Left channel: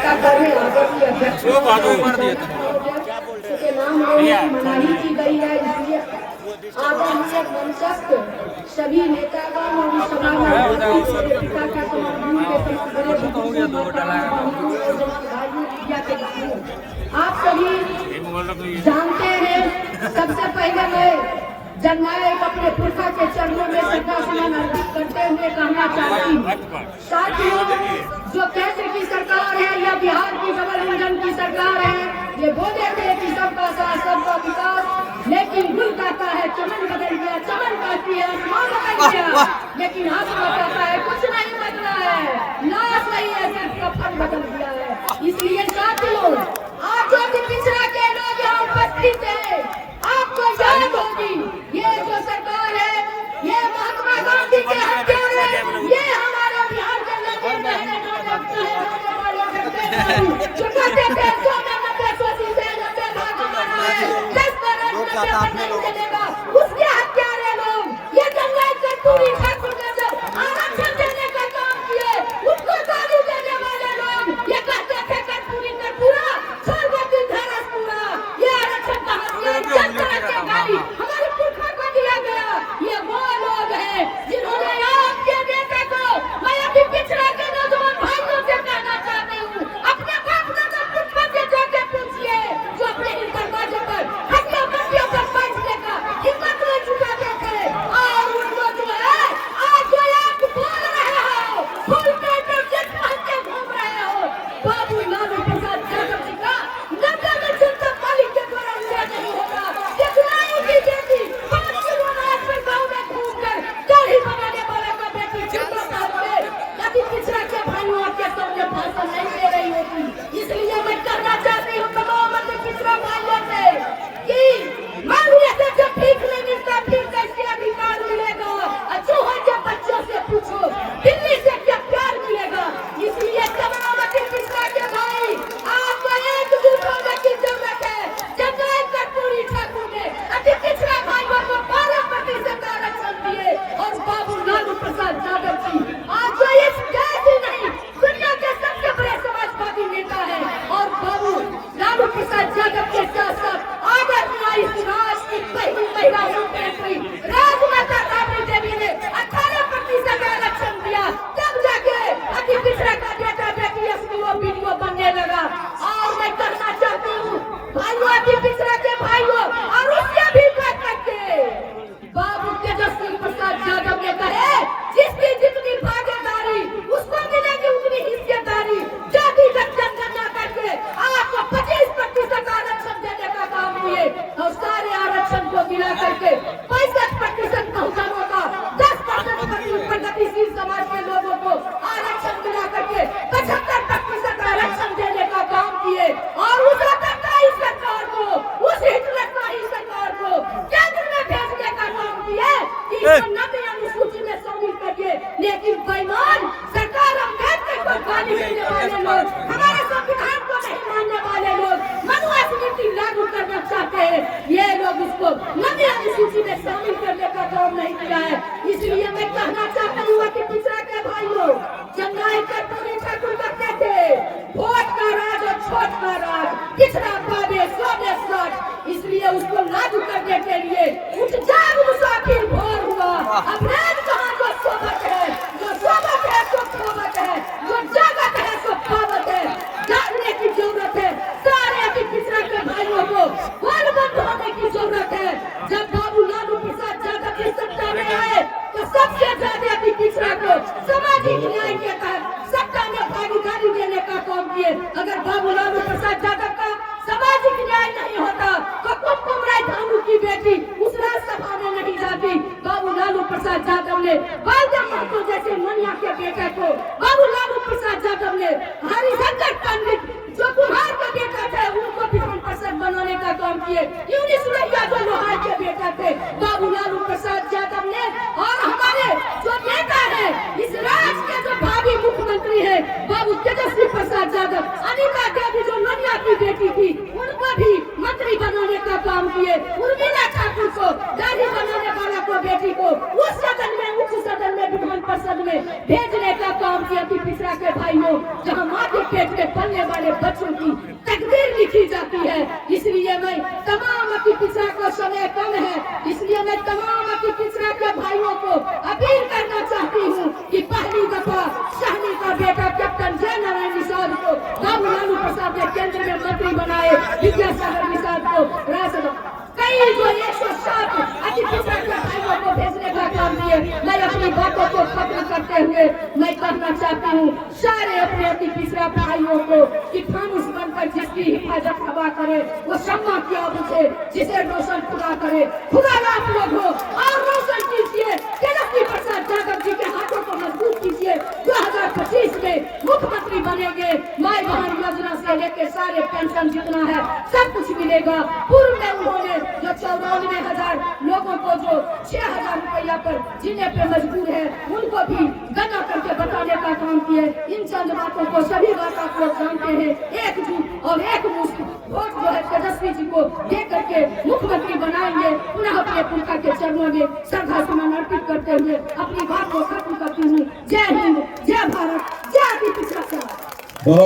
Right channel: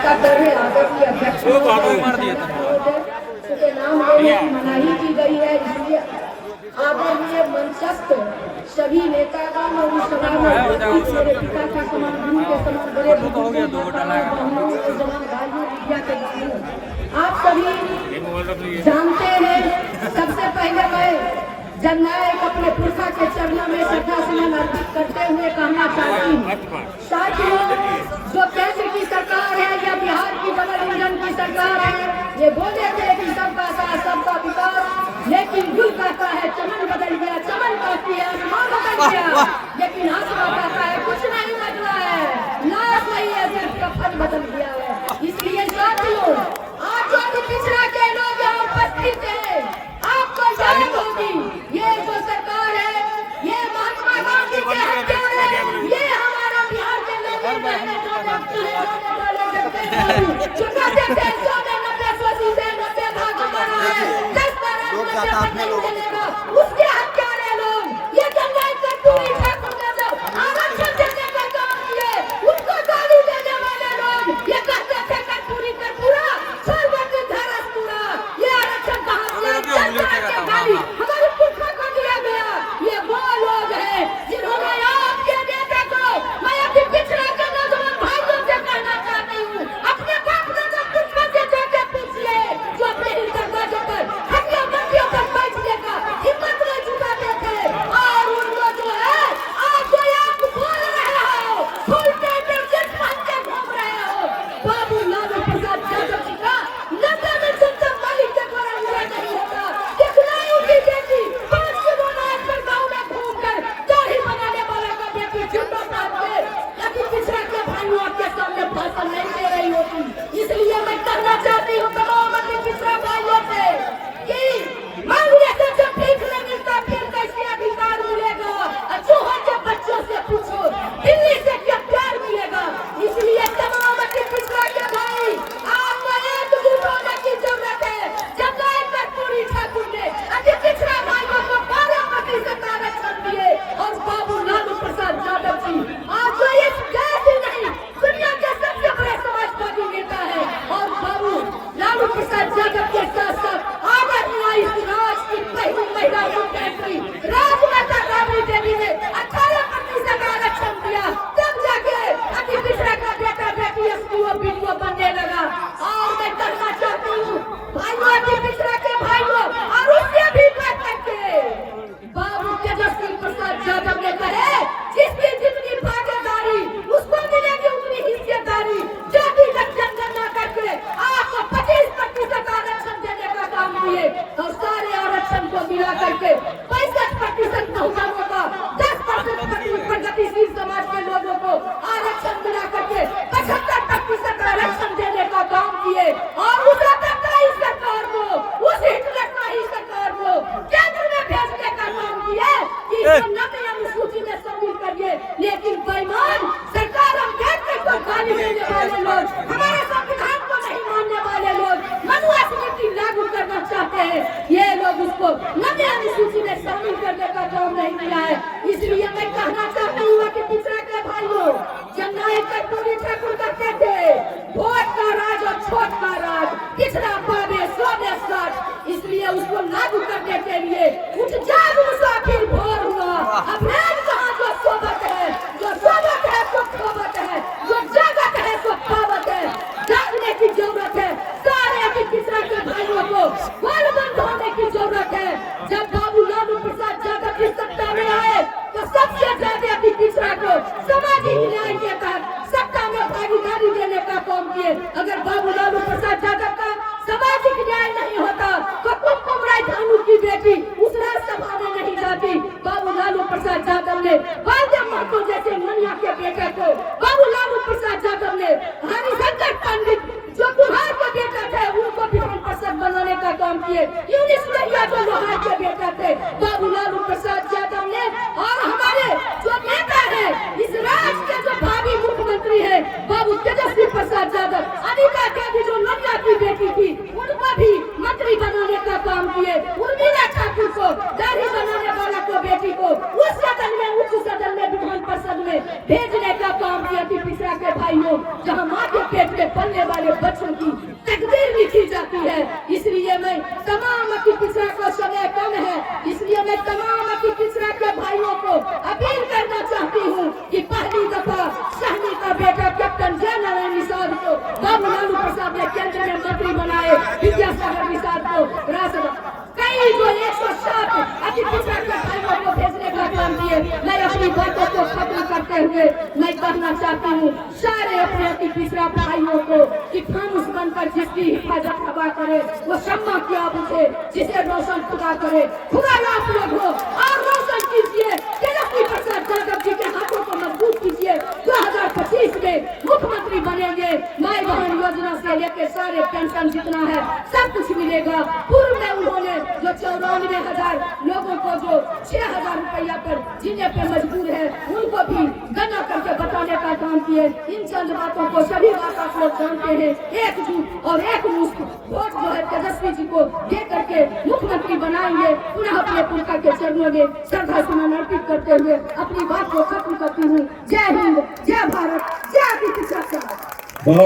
वो बाबू मार दिया के नाम लेने की मनाही की गई है, इसलिए आदरणीय मंचस्थ सभी नेतागण तो हो गया 2 घंटा आप सभी जानते हैं, सबसे पहले मैं जननायक अपने पुरखा के चरणों में श्रद्धासुमन अर्पित करते हुए कहना चाहती हूँ, साथियों, जो केंद्र की सरकार है या बिहार की डबल इंजन की सरकार है, ये बोले थे कि सबका साथ सबका विकास, लेकिन भूल करता है चमन बदल गया, चमन करती है आसमान बदल गया, लेकिन आसमान कहता है कुछ नहीं बदला है, नाश नहीं है, जब का फट बदल गया है। इसलिए साथियों, आज जो भी पिछड़ा के लोग यहाँ उपस्थित है, आपको जाहिर होगी, ये जो सरकार है, ये महात्मा गांधी के हत्यारे है, ये हमारा बिहार के लोग जाता अपने लोगों उसके हत्यारे लोग, ये जंगल से पूरी ठाकुर ने जब आरक्षण देने का काम किए, उनको गाली देने वाले लोग, ये कहते थे कि पूरी का पूरा सर्वोच्च धारा पूरा, ये आरक्षण कहाँ हमारे पुरखा को दिया गया, ये वो लोग हैं जिन्होंने आपके नेता को, मैं अभी पिछड़ा के नौजवान भाइयों से कहना चाहती हूँ, अपने बाप दादा पुरखा से जाके पूछिए, जो अपने दरवाजे पर हत्या बंदियों पर बैठने का हिम्मत नहीं जुटाते थे, और उनको जो है आज जो आप बोल रहे हो, फुल पेट जेट पहन के घूम रहे हो, बाबू लालू प्रसाद यादव जी का नगर में जनता पाली के द्वारा नहीं होता, कितना उनकी बेटी 5 किलो अनाज पर गाँव में घूमकर दाढ़ी बनाने वाले का बेटी जिंदा है, यदि पिछड़ा के भाइयों आपके सामने भाषण नहीं दे रही होती, इसलिए मैं कहना चाहती हूँ तमाम अपने पिछड़ा भाइयों से कि मांगने से जब भीख नहीं मिलता फिर कैसे अधिकार मिलेगा, चूहा के बच्चों से पूछो दिल्ली से क्या प्यार मिलेगा। इसलिए तमाम अपने पिछड़ा के भाई, आपको एकजुट होने की जरूरत है। जब कर्पूरी ठाकुर ने अपने पिछड़ा भाइयों को 12% आरक्षण दिए और बाबू लालू प्रसाद यादव जी आज तो इस देश ही नहीं दुनिया के सबसे बड़े समाजवादी नेता है, और बाबू लालू प्रसाद यादव के साथ साथ आदरणीय इस राष्ट्र की पहली महिला मुख्यमंत्री राजमाता राबड़ी देवी ने 18% आरक्षण दिया, तब जाके अति पिछड़ा का बेटा बेटी एसपीओ बीडीओ बनने लगा। और मैं कहना चाहती हूँ भाइयों, अति पिछड़ा के भाइयों, और उससे भी बढ़ करके बाबू तेजस्वी प्रसाद यादव ने कहे जिसकी जितनी भागीदारी उसको मिलेगी उतनी हिस्सेदारी, जाति का जनगणना करके आपको 25% आरक्षण देने का काम किए, और सारे आरक्षण को मिला करके 65% बहुजनों का 10% प्रगतिशील समाज के लोगों को आरक्षण मिला करके 75% आरक्षण देने का काम किए, और उस सरकार को, उस हिटलरशाही सरकार को केंद्र में भेजने का काम किए कि नब्बे अनुसूची में शामिल करिए, लेकिन बेईमान सरकार अम्बेडकर को गाली देने वाले लोग, हमारे संविधान को नहीं मानने वाले लोग मनुस्मृति लागू करना चाहते हैं, ये लोग उसको नब्बे अनुसूची में शामिल करने का काम नहीं किया है। इसलिए मैं कहना चाहती हूँ कि पिछड़ा के भाइयों, जननायक कर्पूरी ठाकुर कहते थे वोट का राज और छोट का राज, पिछड़ा पावे 100 इसलिए उसको लागू करने के लिए उठ जाग मुसाफिर भोर हुआ, अप्रैल कहाँ जो सोबत है, जो सोबत है तो खोबत है, जो जागत है तो पावत है, जागने की जरूरत है, सारे अति पिछड़ा के भाइयों को बलबंद होने की जरूरत है। जब बाबू लालू प्रसाद यादव की सत्ता में आए तो सबसे ज्यादा अति पिछड़ा को सामाजिक न्याय के तहत सत्ता में भागीदारी देने का काम किए। अगर बाबू लालू प्रसाद यादव का सामाजिक न्याय नहीं होता तो कुमकुम राय भानु की बेटी उस राज्यसभा में नहीं जाती। बाबू लालू प्रसाद यादव ने बालदेव महतो जैसे मनिया के बेटे को, बाबू लालू प्रसाद यादव ने हरिशंकर पंडित जो बिहार का बेटा थे उनको विधान परिषद बनाने का काम किए, यूनिस नैया जो लोहार के बेटा थे, बाबू लालू प्रसाद यादव ने, और हमारे जो नेता है इस राज्य के जो भावी मुख्यमंत्री है बाबू तेजस्वी प्रसाद यादव, अनिता देवी जो नैया की बेटी थी उनको भी मंत्री बनाने का काम किए, उर्मिला ठाकुर को दाढ़ी बनाने वाला को बेटी को उस सदन में, उच्च सदन में, विधान परिषद में भेजने का काम किया। पिछड़ा के भाइयों, जहाँ माँ के पेट में पलने होने वाले बच्चों की तकदीर लिखी जाती है। इसलिए मैं तमाम अति पिछड़ा को, समय कम है, इसलिए मैं तमाम अति पिछड़ा के भाइयों को अपील करना चाहती हूँ कि पहली दफा सहनी का बेटा कैप्टन जयनारायण निषाद को बाबू लालू प्रसाद ने केंद्र में मंत्री बनाए, विद्यासागर निषाद को राज्यसभा, कई जो 107 अति पिछड़ा के भाइयों को भेजने का काम किए। मैं अपनी बातों को खत्म करते हुए मैं कहना चाहती हूँ सारे अपने अति पिछड़ा भाइयों को कि फानुस बनकर जिसकी हिफाजत खुदा करे वो सम्मा किया उसे, जिसे रोशन खुदा करे, खुदा आप लोग हो और रोशन कीजिए। तेजस्वी प्रसाद यादव जी के हाथों को मजबूत कीजिए। 2025 में मुख्यमंत्री बनेंगे, माई बहन योजना से लेकर सारे पेंशन जितना है सब कुछ मिलेगा। पूर्व में उन्होंने जो 94,000 लोगों को जो 6,000 रुपया पर जीने पे मजबूर है उनको भी गणना करके बताने का काम किए। इन चंद बातों को सभी बात आप लोग जानते हैं। एकजुट और एक मुश्त वोट जो है तेजस्वी जी को दे करके मुख्यमंत्री बनाएंगे। पुनः अपने पुरखा के चरणों में श्रद्धा सुमन अर्पित करते हुए अपनी बात को खत्म करती हूँ। जय हिंद।